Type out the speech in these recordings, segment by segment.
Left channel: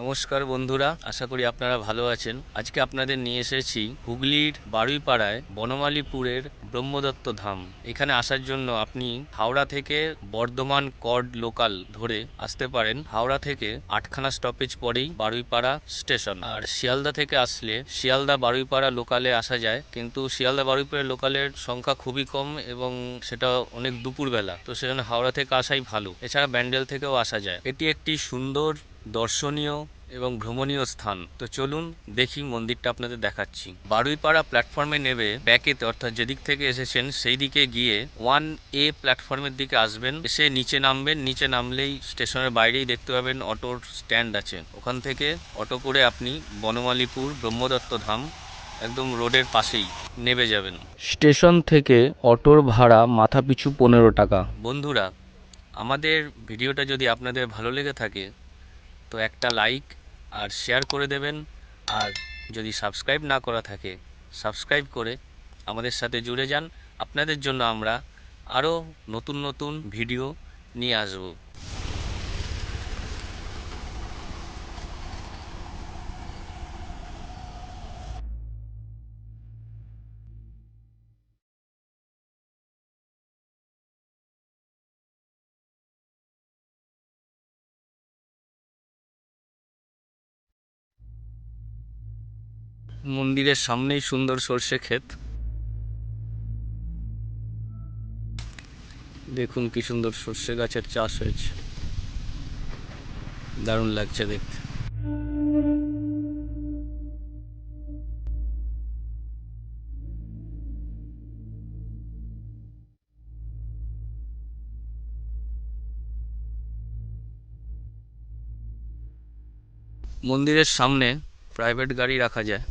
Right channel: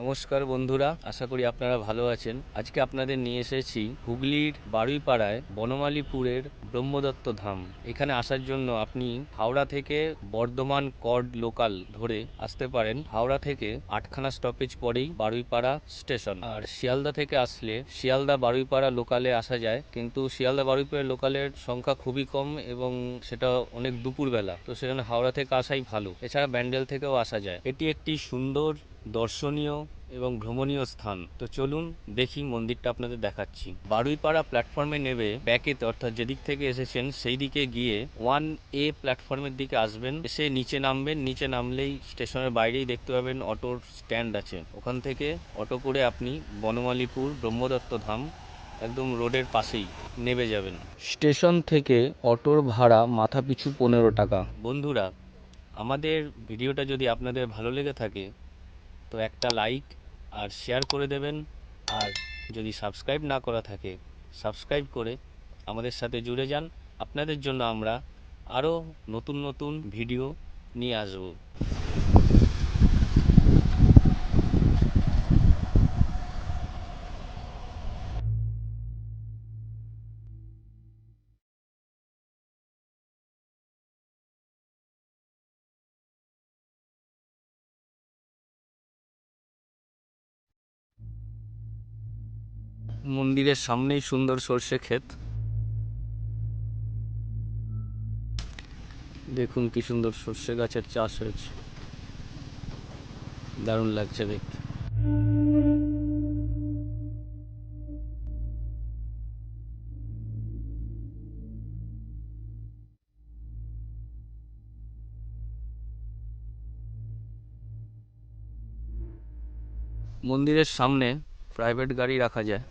নমস্কার বন্ধুরা, আশা করি আপনারা ভালো আছেন। আজকে আপনাদের নিয়ে এসেছি হুগলির বারুইপাড়ায় বনমালীপুরের ব্রহ্মদত্ত ধাম। এখানে আসার জন্য আপনি হাওড়া থেকে বর্ধমান কর্ড লোকাল ধরে আসতে পারেন। হাওড়া থেকে 8খানা স্টপেজ পরেই বারুইপাড়া স্টেশন। আর শিয়ালদা থেকে আসলে শিয়ালদা বারুইপাড়া লোকালে আসা যায়, কিন্তু শিয়ালদা বারুইপাড়া লোকালের সংখ্যা খুবই কম এবং সেটা অনেক দুপুরবেলা, তো সেজন্য হাওড়া থেকে আসাই ভালো। এছাড়া ব্যান্ডেল থেকেও আসা যায়। এটি একটি সুন্দর দর্শনীয় এবং ভ্রমণীয় স্থান। তো চলুন দেখি, মন্দিরটা আপনাদের দেখাচ্ছি। বারুইপাড়া প্ল্যাটফর্মে নেবে ব্যাকেতে, অর্থাৎ যেদিক থেকে এসেছেন সেই দিকে গিয়ে 1A প্ল্যাটফর্মের দিকে আসবেন। এসে নিচে নামবেন। নিচে নামলেই স্টেশনের বাইরেই দেখতে পাবেন অটোর স্ট্যান্ড আছে। ওখান থেকে অটো করে আপনি বনমালীপুর ব্রহ্মদত্ত ধাম একদম রোডের পাশেই নেমে যাবেন। স্টেশন থেকে অটোর ভাড়া মাথাপিছু 15 টাকা। বন্ধুরা, আমাদের ভিডিওটা যদি আপনাদের ভালো লেগে থাকে তো একটা লাইক আর শেয়ার করে দেবেন। আর যদি সাবস্ক্রাইব না করা থাকে, সাবস্ক্রাইব করে আমাদের সাথে জুড়ে যান। আপনাদের জন্য আমরা আরও নতুন নতুন ভিডিও নিয়ে আসব। মন্দিরের সামনেই সুন্দর সর্ষে ক্ষেত। দেখুন কি সুন্দর সর্ষে গাছের চাষ হয়েছে, দারুণ লাগছে দেখতে। মন্দিরের সামনে প্রাইভেট গাড়ি রাখা যায়।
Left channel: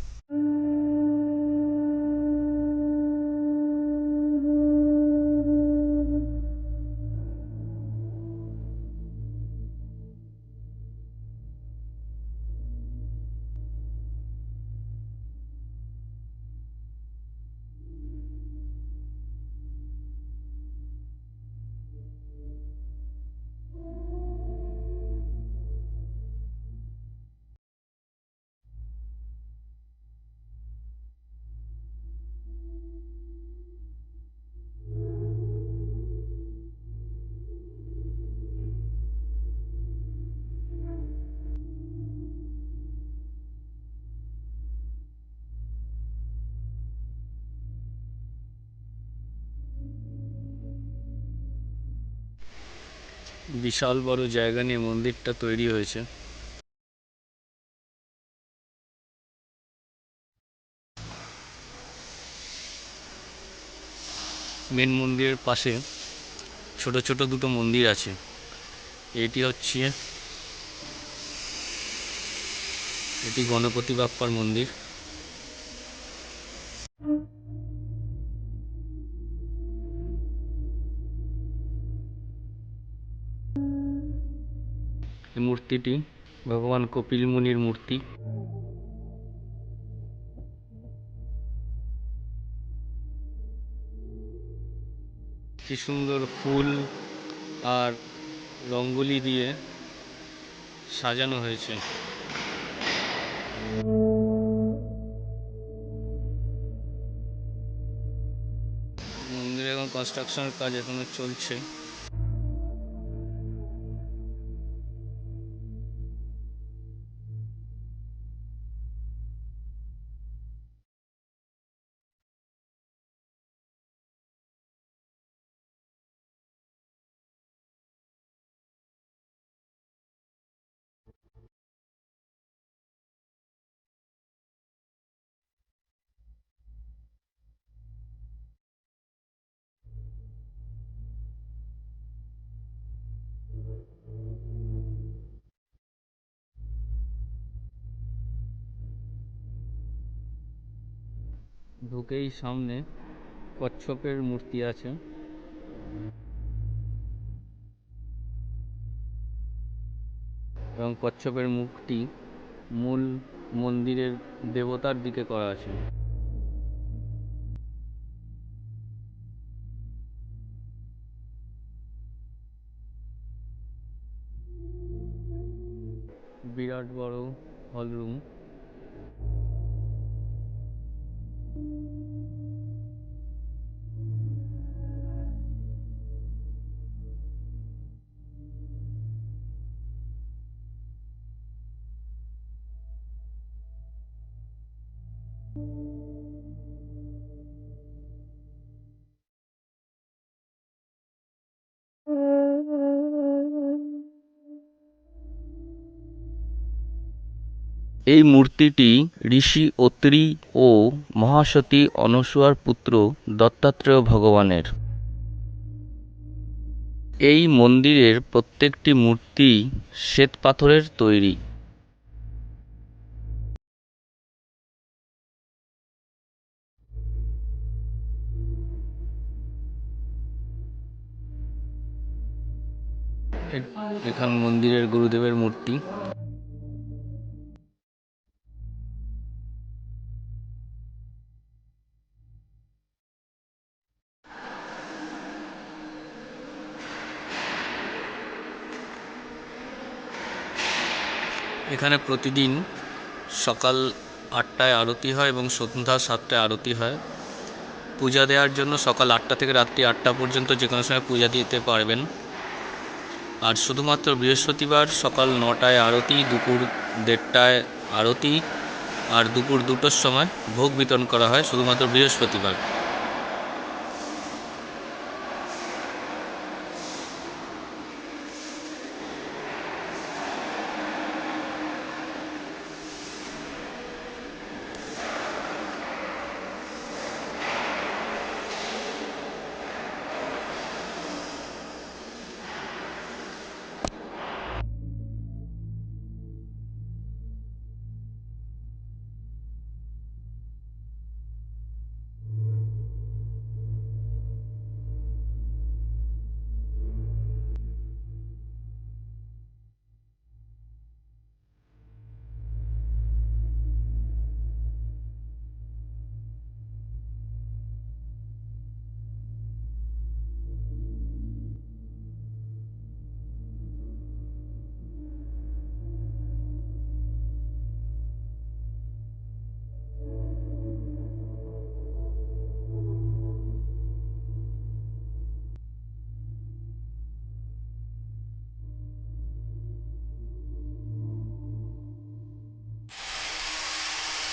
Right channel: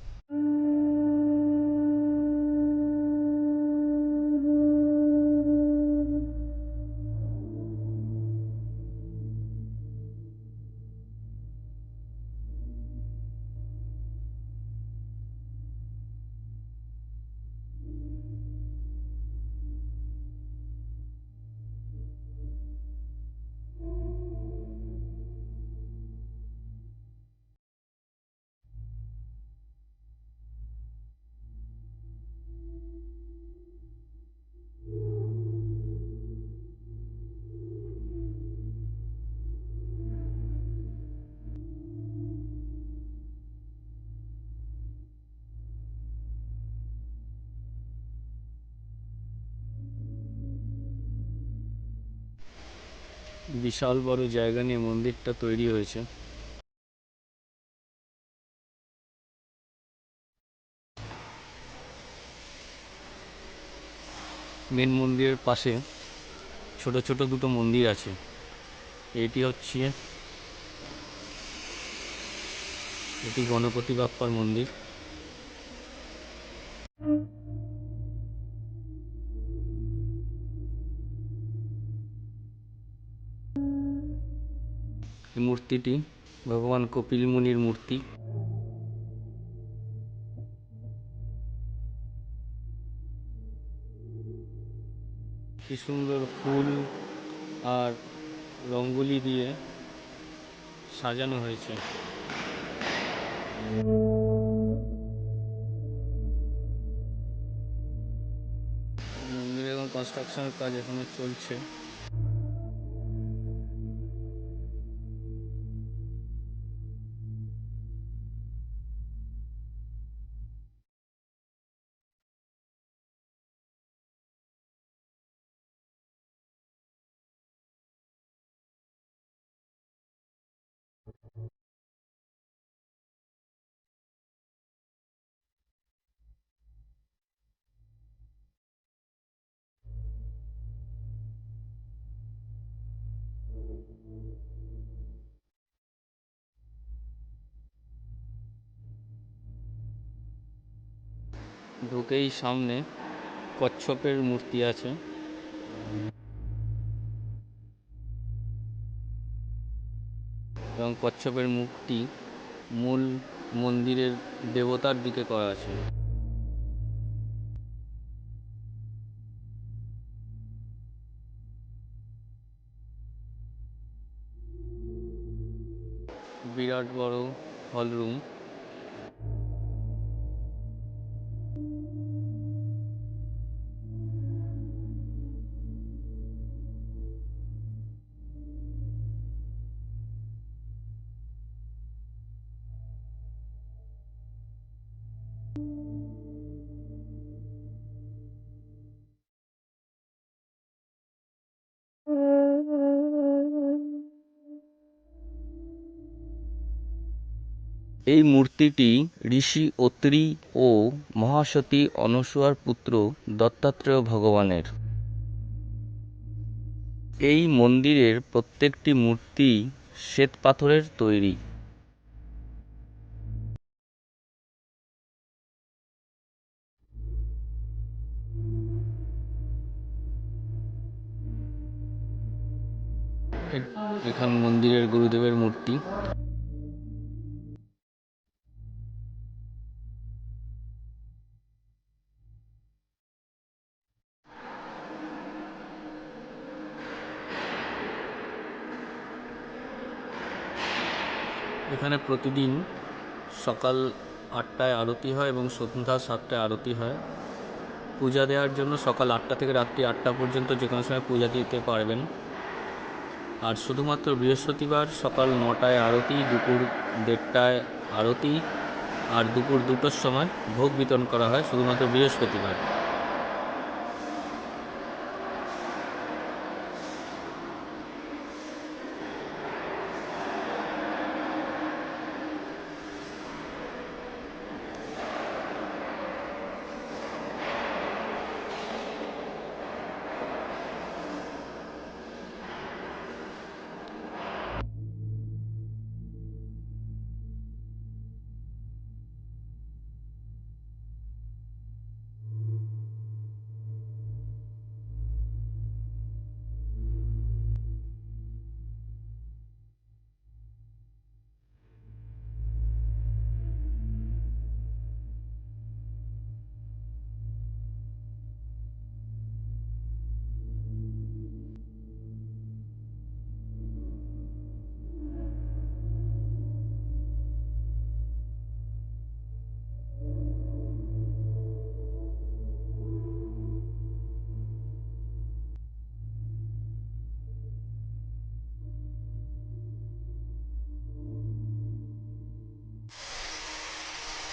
বিশাল বড় জায়গা নিয়ে মন্দিরটা তৈরি হয়েছে। মেন মন্দিরের পাশে ছোট ছোট দুটো মন্দির আছে। এটি গণপতি বাপ্পার মন্দির। এই মূর্তিটি ভগবান কপিল মুনির মূর্তি। কি সুন্দর ফুল আর রঙ্গোলি দিয়ে সাজানো হয়েছে। মন্দিরে এখন কনস্ট্রাকশনের কাজ এখনো চলছে। ঢুকেই সামনে কচ্ছপের মূর্তি আছে এবং কচ্ছপের মুখটি মূল মন্দিরের দেবতার দিকে করা আছে। বিরাট বড় হল রুম। এই মূর্তিটি ঋষি অত্রি ও মহাসতী অনসূয়ার পুত্র দত্তাত্রেয় ভগবানের। এই মন্দিরের প্রত্যেকটি মূর্তি শ্বেত পাথরের তৈরি। এখান মন্দিরের গুরুদেবের মূর্তি। এখানে প্রতিদিন সকাল 8টায় আরতি হয় এবং সন্ধ্যা 7টায় আরতি হয়। পূজা দেওয়ার জন্য সকাল 8টা থেকে রাত্রি 8টা পর্যন্ত যে কোনো সময় পূজা দিতে পারবেন। আর শুধুমাত্র বৃহস্পতিবার সকাল 9টায় আরতি, দুপুর 1:30টায় আরতি, আর দুপুর 2টোর সময় ভোগ বিতরণ করা হয় শুধুমাত্র বৃহস্পতিবার।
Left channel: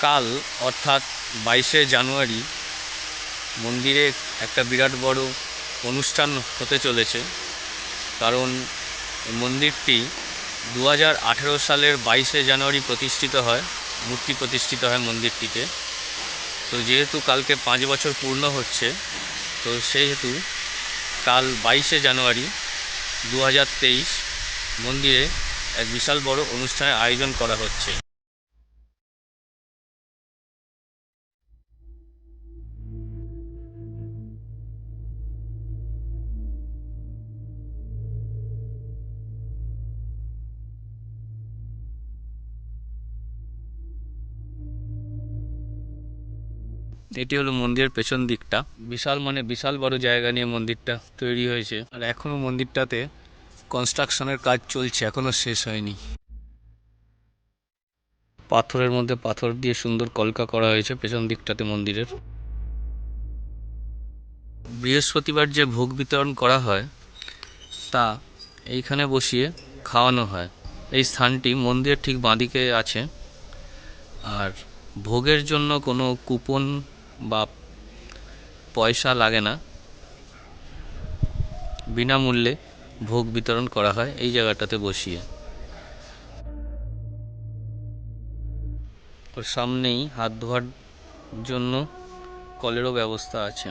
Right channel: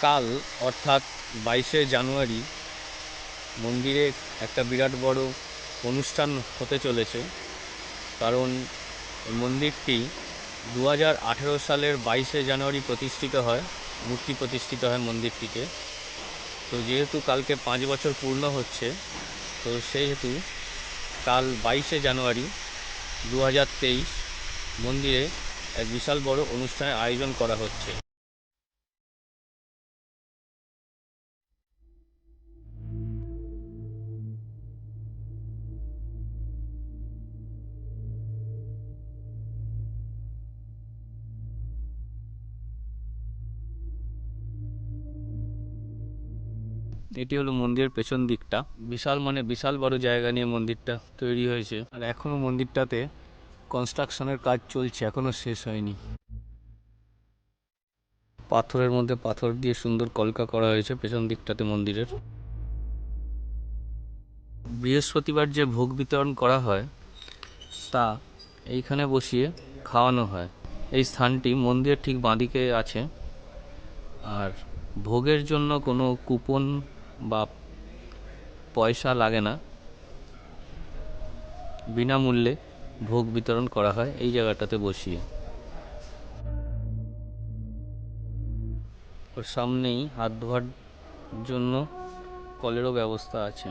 কাল অর্থাৎ 22শে জানুয়ারি মন্দিরে একটা বিরাট বড় অনুষ্ঠান হতে চলেছে। কারণ এই মন্দিরটি 2018 সালের 22শে জানুয়ারি প্রতিষ্ঠিত হয়, মূর্তি প্রতিষ্ঠিত হয় মন্দিরটিতে। তো যেহেতু কালকে 5 বছর পূর্ণ হচ্ছে, তো সেহেতু কাল 22শে জানুয়ারি 2023 মন্দিরে এক বিশাল বড় অনুষ্ঠানের আয়োজন করা হচ্ছে। এটি হলো মন্দিরের পেছন দিকটা। বিশাল বিশাল বড় জায়গা নিয়ে মন্দিরটা তৈরি হয়েছে, আর এখনো মন্দিরটাতে কনস্ট্রাকশনের কাজ চলছে, এখনো শেষ হয়নি। পাথরের মধ্যে পাথর দিয়ে সুন্দর কলকা করা হয়েছে পেছন দিকটাতে মন্দিরের। বৃহস্পতিবার যে ভোগ বিতরণ করা হয় তা এইখানে বসিয়ে খাওয়ানো হয়। এই স্থানটি মন্দিরের ঠিক বাঁদিকে আছে। আর ভোগের জন্য কোনো কুপন বা পয়সা লাগে না, বিনামূল্যে ভোগ বিতরণ করা হয় এই জায়গাটাতে বসিয়ে। ওর সামনেই হাত ধোয়ার জন্য কলেরও ব্যবস্থা আছে।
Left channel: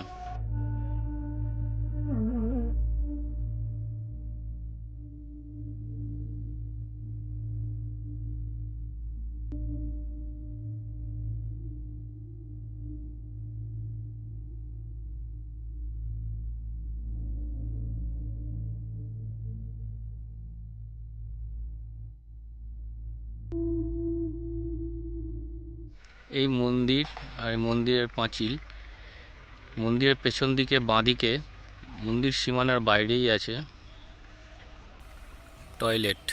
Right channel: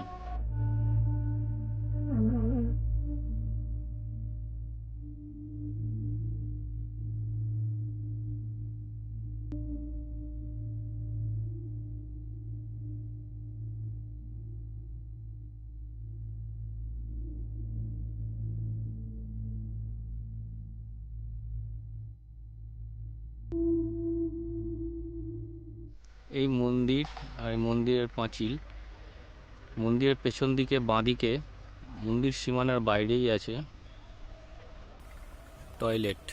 এই মন্দির আর মন্দিরের পাঁচিল, মন্দিরের পেছন দিকে বাঁদিকে মন্দির সীমানার বাইরেই আছে টয়লেট।